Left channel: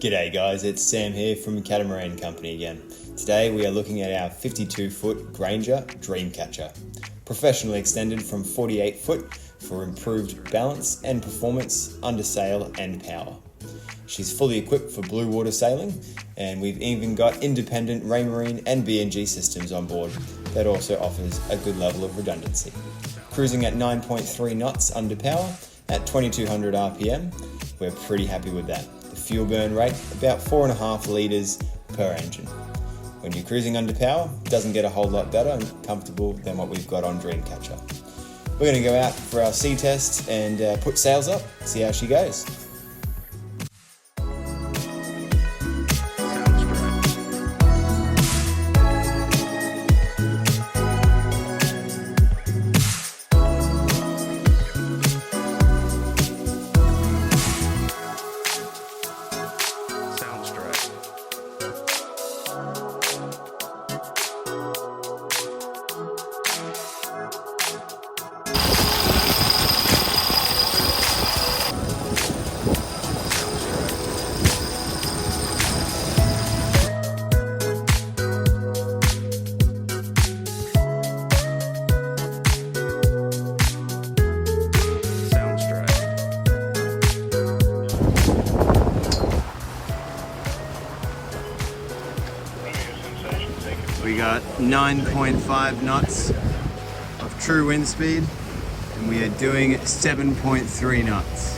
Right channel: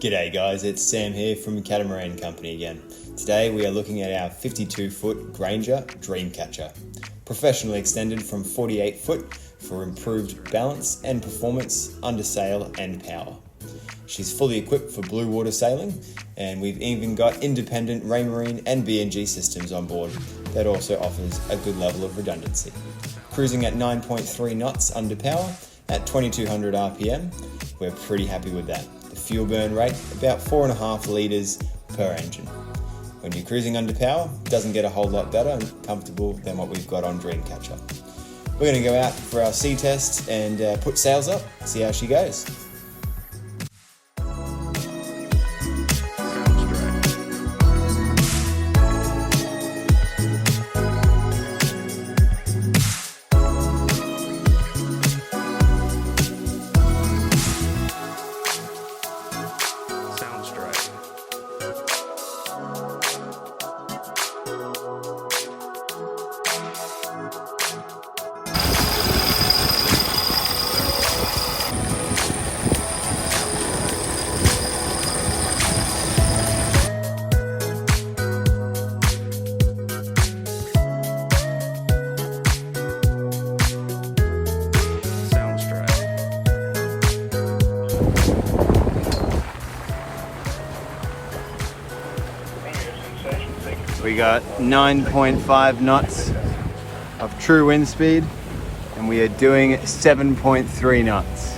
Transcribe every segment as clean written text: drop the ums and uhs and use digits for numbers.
G'day guys, it's Sam here from Catamaran Company again. Today we are looking at our 52-foot Grainger Dreamcatcher. Professionally extended from 48 foot for improved balance and performance under sail and power. She's fully equipped for blue water sailing, and we've even got independent Raymarine and BNG systems on board that also offers a good level of redundancy. Cruising at 9.3 knots under power at 2200 RPM, we're pretty happy with that. The fuel burn rate, about 4.5 litres per engine. When you're cruising under power, it doesn't get a whole lot better and comfortable than what we've got on Dreamcatcher. We're going to go out for our sea test and put sails up, see how she goes. We got 9.5 knots of true wind speed, and we are doing 7.3 knots.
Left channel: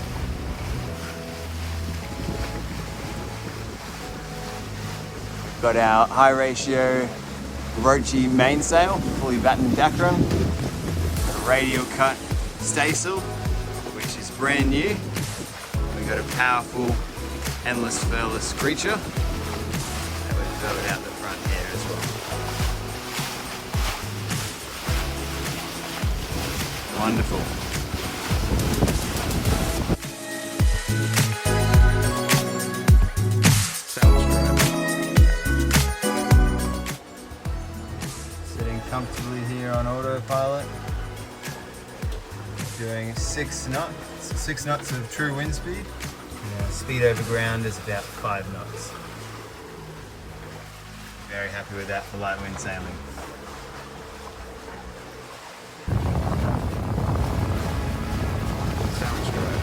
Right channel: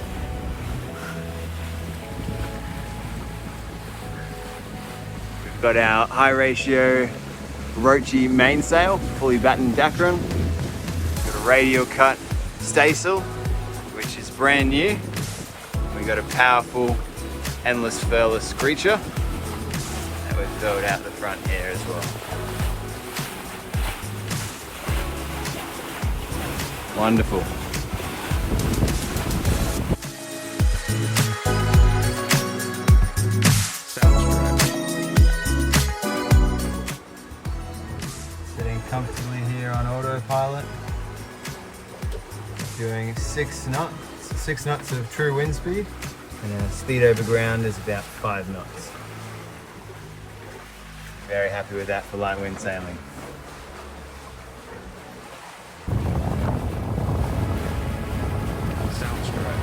We've got our high ratio Roachy mainsail, fully battened Dacron. Got a radial cut staysail, which is brand new. We got a powerful endless furless creature, and we've furled out the front here as well. Wonderful. Sounds great. Sitting comfortably here on autopilot. Doing 6 knots of true wind speed. And our speed over ground is about 5 knots. Very happy with that for light wind sailing. Sounds great.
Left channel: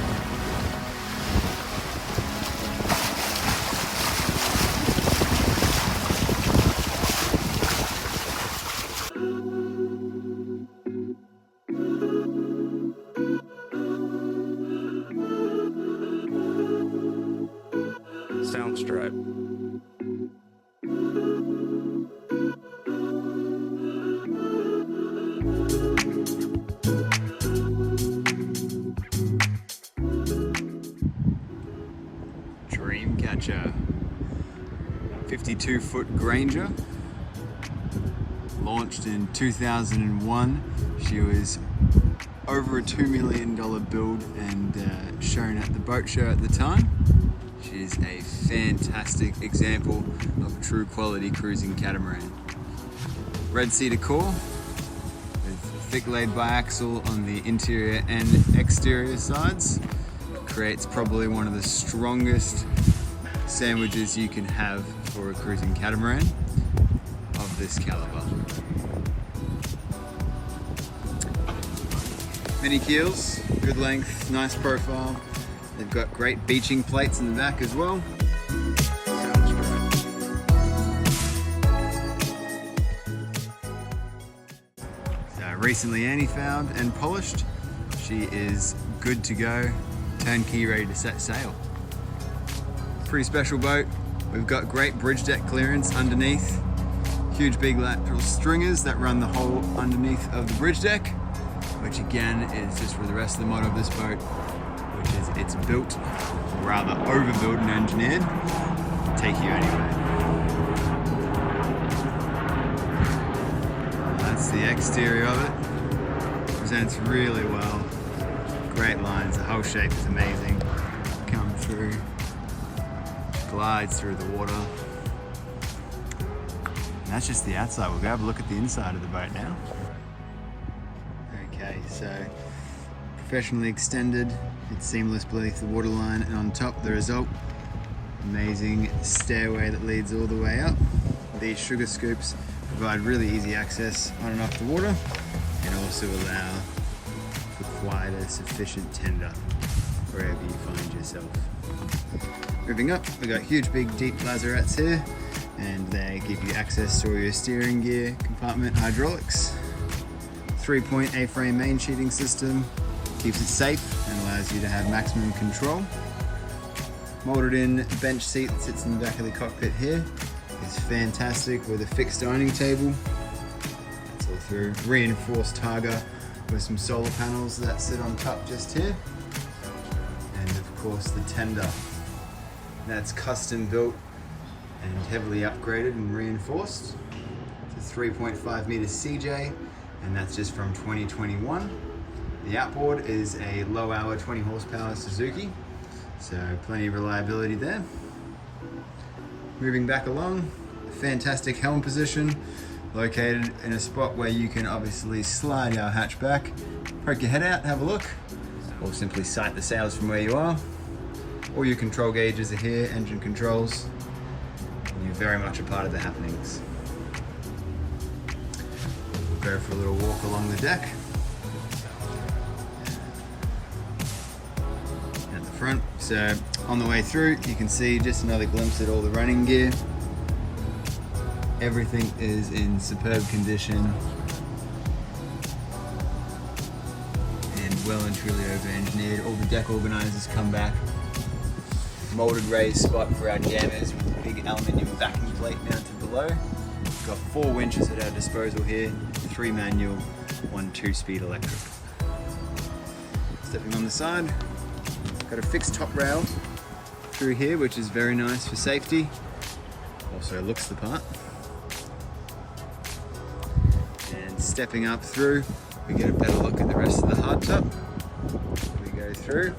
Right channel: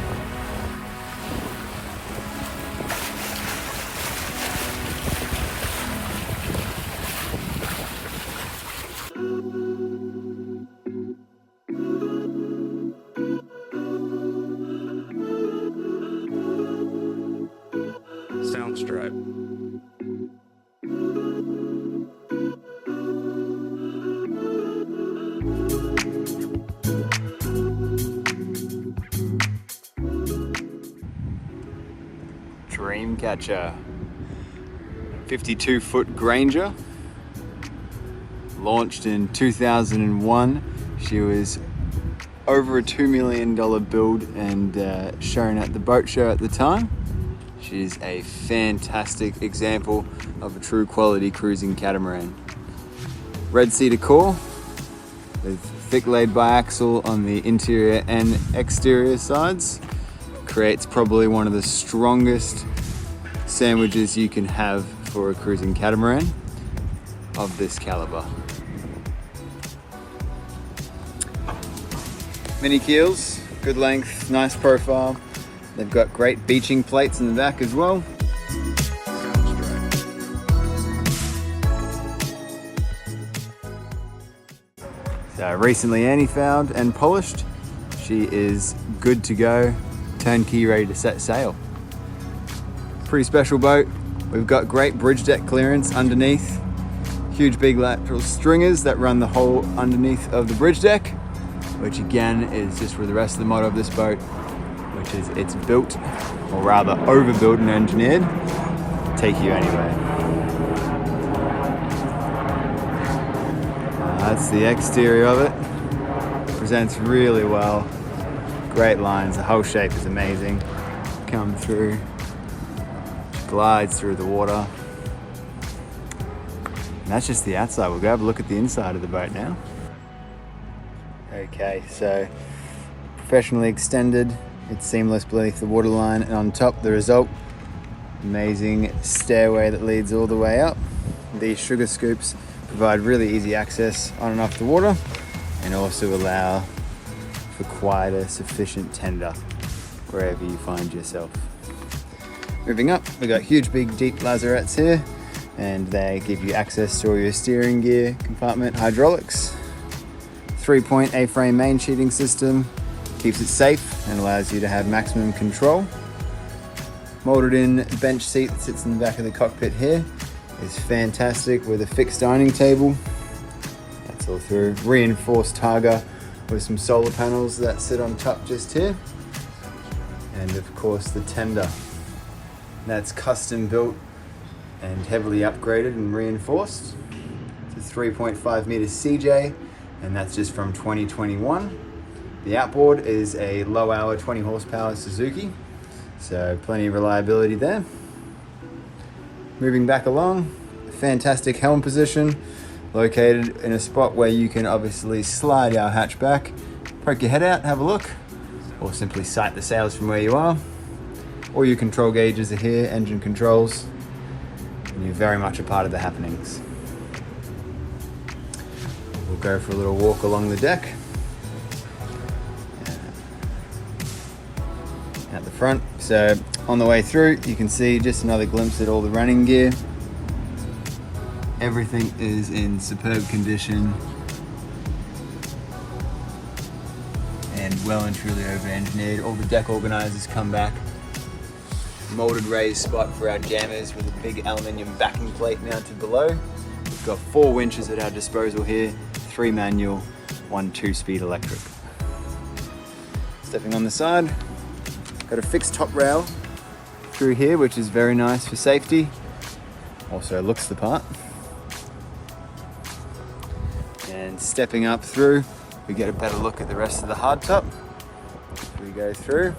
Sounds straight. Dreamcatcher, 52-foot Grainger, launched in 2001. She was over a $2 million build and shown at the boat show at the time. She's a fantastic example of a true quality cruising catamaran. Red Sea decor with thick laid biaxle on the interior and exterior sides. Creates probably one of the strongest sandwiches you can have for a cruising catamaran of this caliber. Mini keels, good length, nice profile. They've got great beaching plates in the back as well. Sounds great. So recently anti-fouled and polished. She is good to go. Turnkey, ready to set sail. Pretty special boat. We've got great bridge deck clearance underneath. Huge big lateral stringers that run the whole underneath of the bridge deck, which again is just for the rest of the motto of this boat, which is it's built, or rather overbuilt and engineered, to take you anywhere. That's the exterior of it. Presents really well. Great lines, the whole shape is amazing. Come through, glides through the water. And that's just the outside. We'll go have a look at the inside of the boat now. Okay, so professionally extended, it's seamless beneath the waterline, and on top the result Amazing stairway that leads all the way up. These sugar scoops provide really easy access on and off the water and also allow for quite a sufficient tender wherever you find yourself. Moving up, we've got huge big deep lazarettes here, and they give you access to all your steering gear, compartment, hydraulics. 3-point A-frame main sheeting system keeps it safe and allows you to have maximum control. Molded in bench seat that sits in the back of the cockpit here is fantastic with a fixed dining table. That's all through reinforced targa with some solar panels that sit on top just here. And of course the tender. That's custom built and heavily upgraded and reinforced. It's a 3.5 meter CJ, and that's just from 2021. The outboard is a low hour 20 horsepower Suzuki, so plenty of reliability there. Moving back along, a fantastic helm position, located in a spot where you can obviously slide our hatch back, poke your head out, have a look, or simply sight the sails from where you are. All your control gauges are here, engine controls, and you're very much a part of the happenings. We'll go for a little walk along the deck. At the front, so on the way through, you can see just another glimpse at all the running gear. Everything is in superb condition and well and truly over-engineered. All the deck organizers come back. Molded raised spot for our jammers with a big aluminium backing plate mounted below. We've got 4 winches at our disposal here, 3 manual, 1 2-speed electric. Stepping on the side, got a fixed top rail through here, which is very nice for safety. Also looks the part. And stepping up through, we get a better look at the rest of the hardtop as we go through.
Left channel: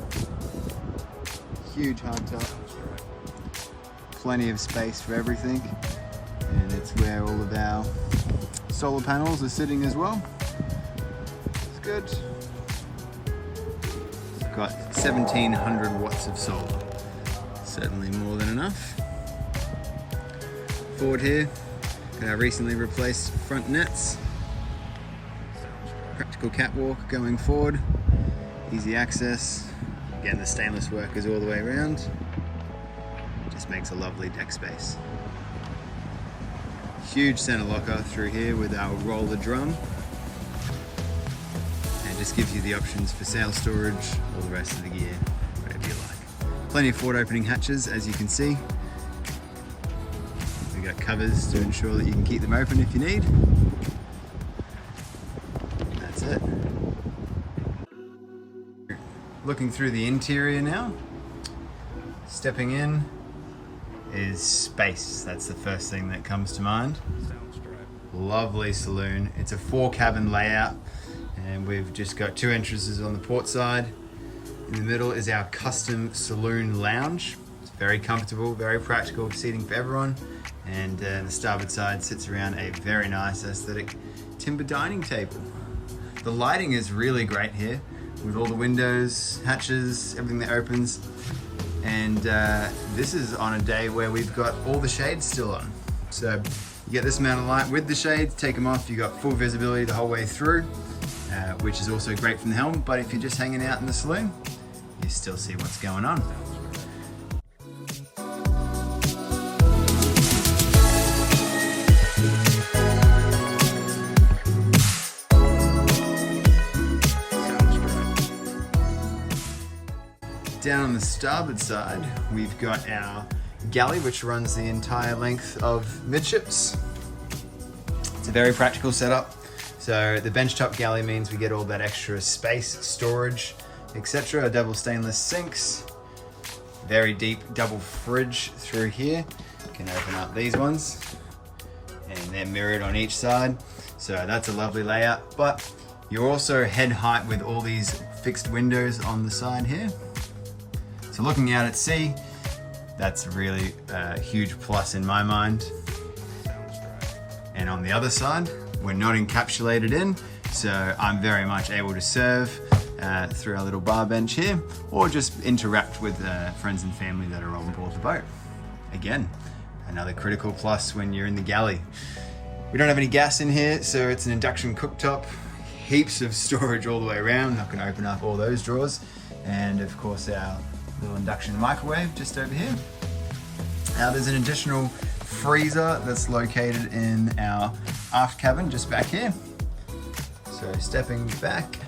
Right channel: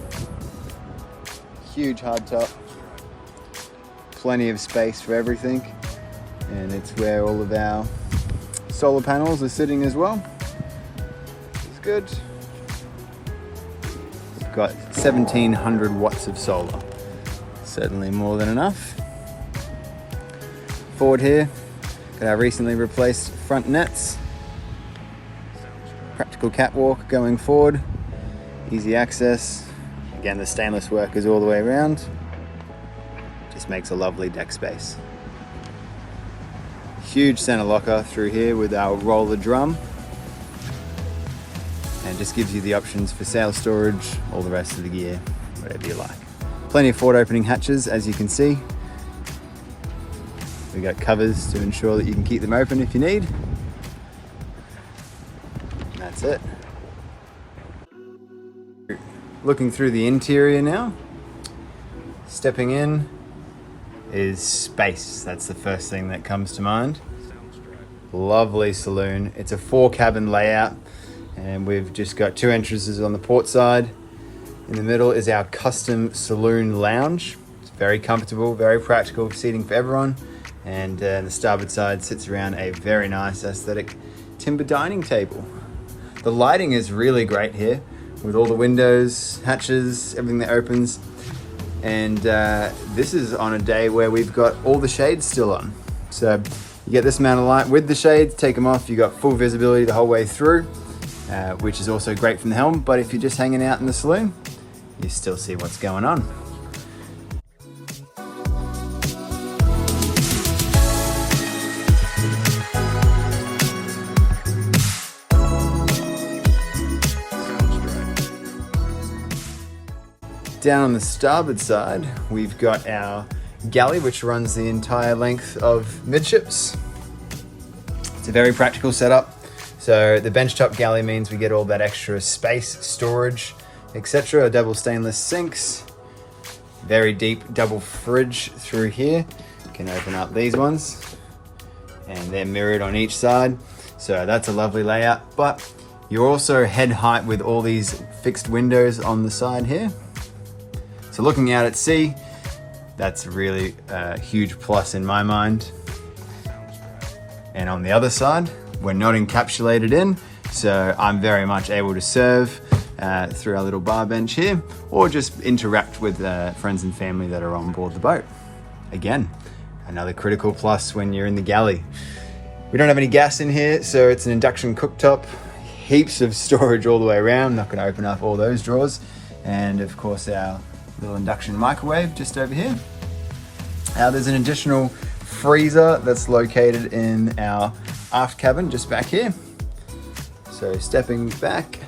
Huge hardtop, plenty of space for everything, and it's where all of our solar panels are sitting as well. It's good. We've got 1700 watts of solar, certainly more than enough. Forward here, got our recently replaced front nets. Practical catwalk going forward, easy access. Again, the stainless work is all the way around. Just makes a lovely deck space. Huge center locker through here with our roller drum. And just gives you the options for sail storage, all the rest of the gear, whatever you like. Plenty of forward opening hatches, as you can see. We got covers to ensure that you can keep them open if you need. And that's it. Looking through the interior now, stepping in is space. That's the first thing that comes to mind. Lovely saloon. It's a 4-cabin layout, and we've just got 2 entrances on the port side. In the middle is our custom saloon lounge. It's very comfortable, very practical seating for everyone. And the starboard side sits around a very nice aesthetic timber dining table. The lighting is really great here, with all the windows, hatches, everything that opens. And this is on a day where we've got all the shades still on. So you get this amount of light with the shades, take them off, you got full visibility the whole way through, which is also great from the helm. But if you're just hanging out in the saloon, you still see what's going on. Down on the starboard side, we've got our galley, which runs the entire length of midships. It's a very practical setup. So the benchtop galley means we get all that extra space, storage, etc. Double stainless sinks, very deep double fridge through here. You can open up these ones, and they're mirrored on each side. So that's a lovely layout, but you're also head height with all these fixed windows on the side here. So looking out at sea, that's really a huge plus in my mind. And on the other side, we're not encapsulated in, so I'm very much able to serve through our little bar bench here, or just interact with friends and family that are on board the boat. Again, another critical plus when you're in the galley. We don't have any gas in here, so it's an induction cooktop. Heaps of storage all the way around. Not going to open up all those drawers. And of course our little induction microwave just over here. Now there's an additional freezer that's located in our aft cabin just back here. So stepping back,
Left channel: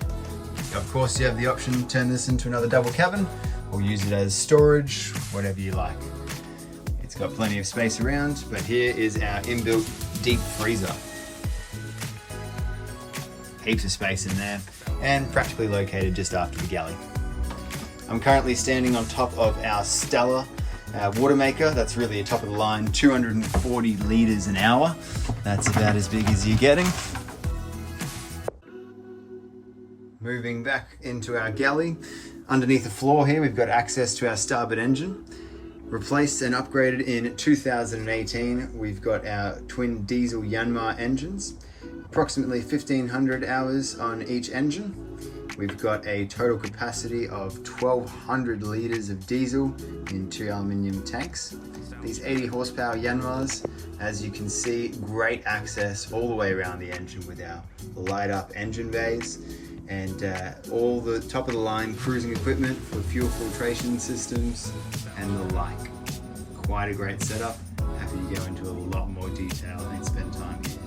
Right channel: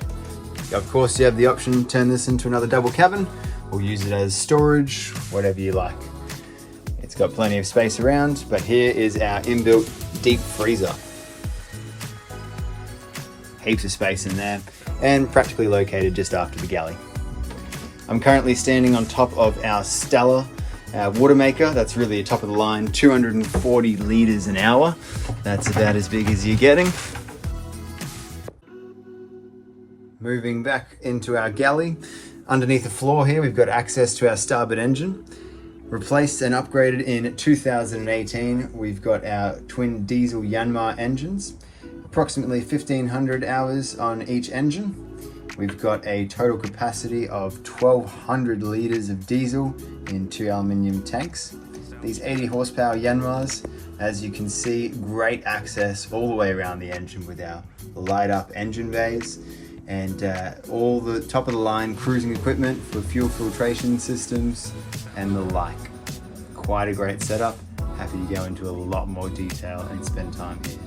of course you have the option to turn this into another double cabin or use it as storage, whatever you like. It's got plenty of space around, but here is our inbuilt deep freezer. Heaps of space in there and practically located just after the galley. I'm currently standing on top of our Stella water maker. That's really a top of the line, 240 litres an hour. That's about as big as you're getting. Moving back into our galley. Underneath the floor here, we've got access to our starboard engine. Replaced and upgraded in 2018, we've got our twin diesel Yanmar engines. Approximately 1,500 hours on each engine. We've got a total capacity of 1,200 litres of diesel in 2 aluminium tanks. These 80 horsepower Yanmars, as you can see, great access all the way around the engine with our light up engine bays and all the top of the line cruising equipment for fuel filtration systems and the like. Quite a great setup. Happy to go into a lot more detail and spend time here.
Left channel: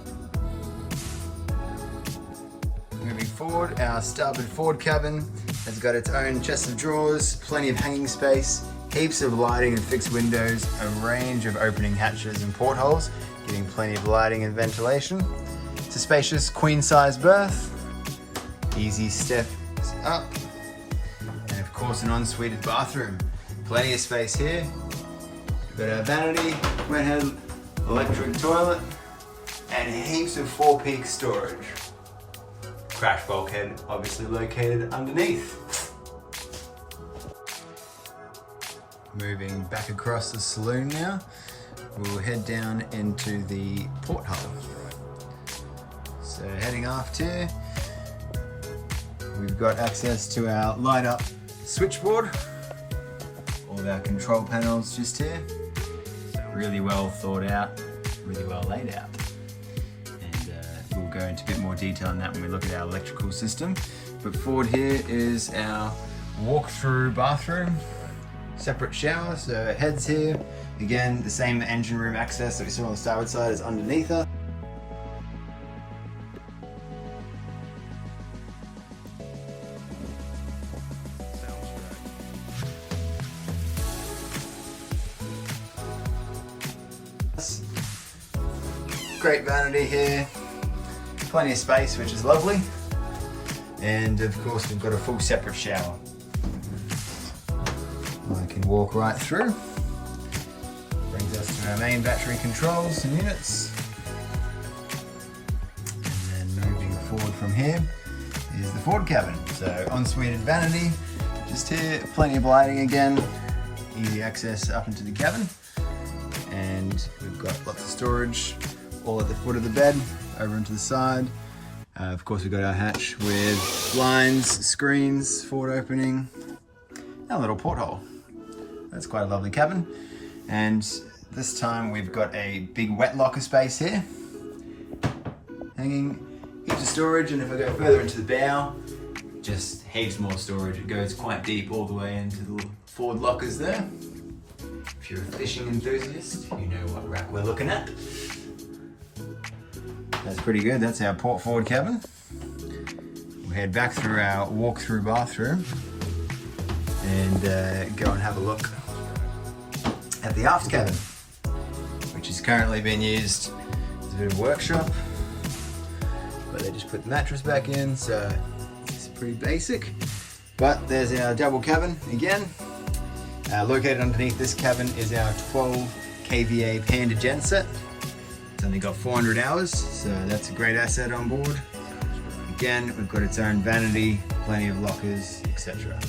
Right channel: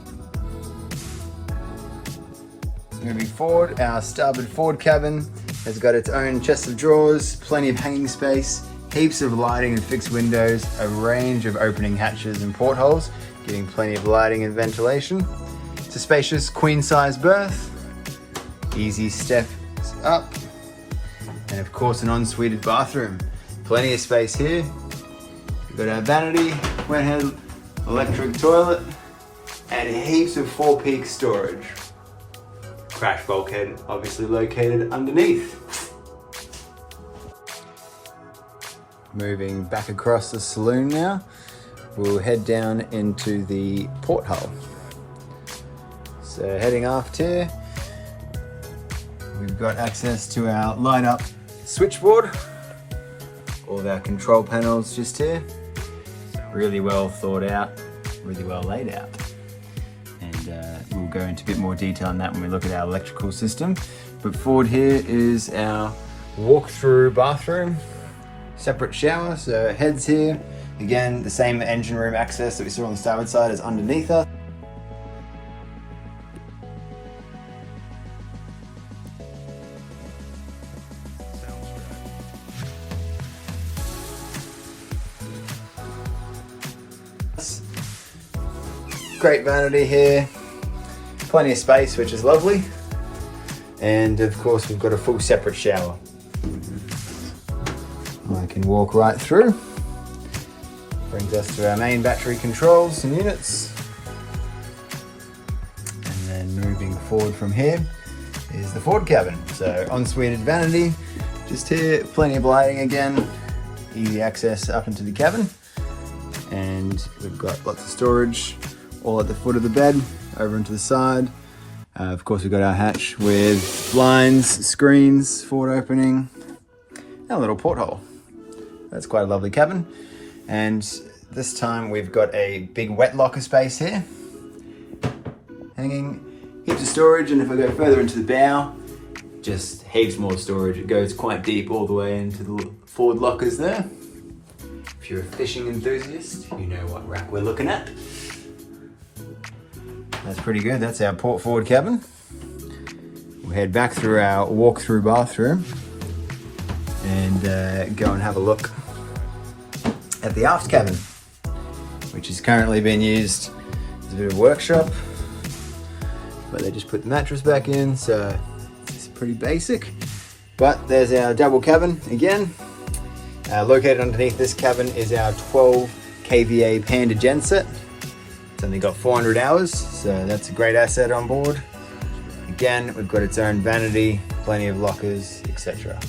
Moving forward, our starboard forward cabin has got its own chest of drawers, plenty of hanging space, heaps of lighting and fixed windows, a range of opening hatches and portholes, getting plenty of lighting and ventilation. It's a spacious queen-size berth, easy steps up, and of course an en-suited bathroom. Plenty of space here. We've got our vanity, wet head, electric toilet, and heaps of 4-peak storage. Crash bulkhead obviously located underneath. Moving back across the saloon now, we'll head down into the porthole. So heading aft here, we've got access to our light up switchboard. All of our control panels just here. Really well thought out, really well laid out. We'll go into a bit more detail on that when we look at our electrical system. But forward here is our walk-through bathroom, separate shower, so heads here. Again, the same engine room access that we saw on the starboard side is underneath us. Great vanity here. Plenty of space, which is lovely. And of course, we've got a full separate shower. I can walk right through. Brings us to our main battery controls and units. And then moving forward from here is the forward cabin. So en-suited vanity, just here, plenty of lighting again. Easy access up into the cabin. And we've got lots of storage all at the foot of the bed. Over into the side. Of course, we've got our hatch with blinds, screens, forward opening, and a little porthole. That's quite a lovely cabin. And this time we've got a big wet locker space here. Hanging, heaps of storage, and if I go further into the bow, just heaps more storage. It goes quite deep all the way into the forward lockers there. If you're a fishing enthusiast, you know what rack we're looking at. That's pretty good. That's our port forward cabin. We'll head back through our walk-through bathroom and go and have a look at the aft cabin, which is currently being used as a bit of a workshop. But they just put the mattress back in, so it's pretty basic. But there's our double cabin again. Located underneath this cabin is our 12 kVA Panda genset. It's only got 400 hours, so that's a great asset on board. Again, we've got its own vanity, plenty of lockers, etc.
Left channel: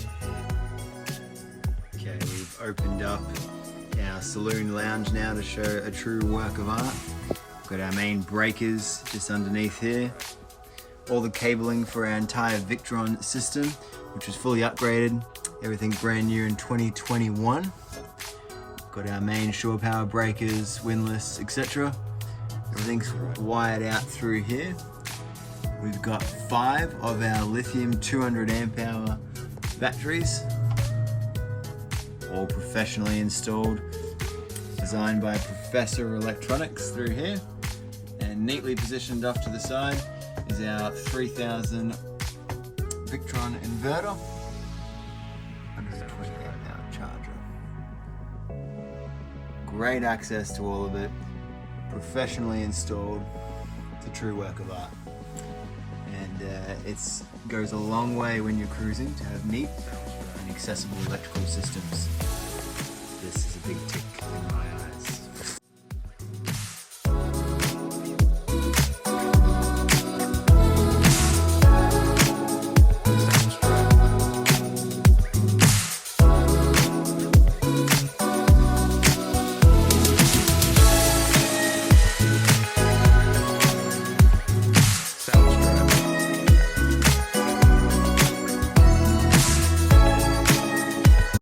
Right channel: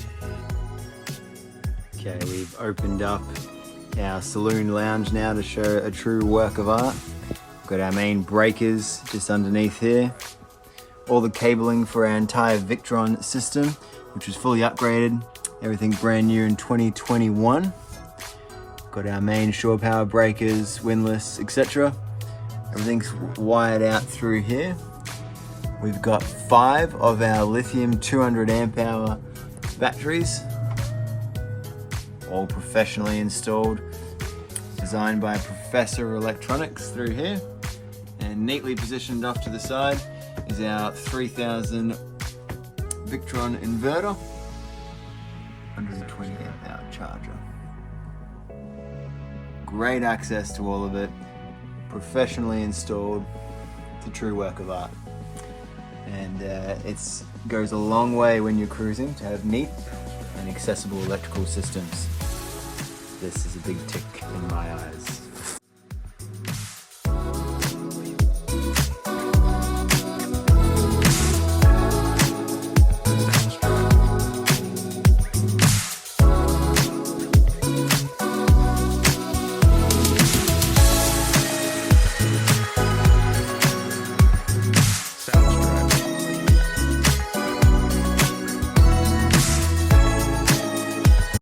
Okay, we've opened up our saloon lounge now to show a true work of art. We've got our main breakers just underneath here. All the cabling for our entire Victron system, which was fully upgraded. Everything brand new in 2021. Got our main shore power breakers, windlass, etc. Everything's wired out through here. We've got 5 of our lithium 200 amp hour batteries, all professionally installed, designed by Professor Electronics through here, and neatly positioned off to the side is our 3000 Victron inverter, 120 amp hour charger. Great access to all of it, professionally installed. It's a true work of art, and it goes a long way when you're cruising to have neat and accessible electrical systems. This is a big tick in my eyes.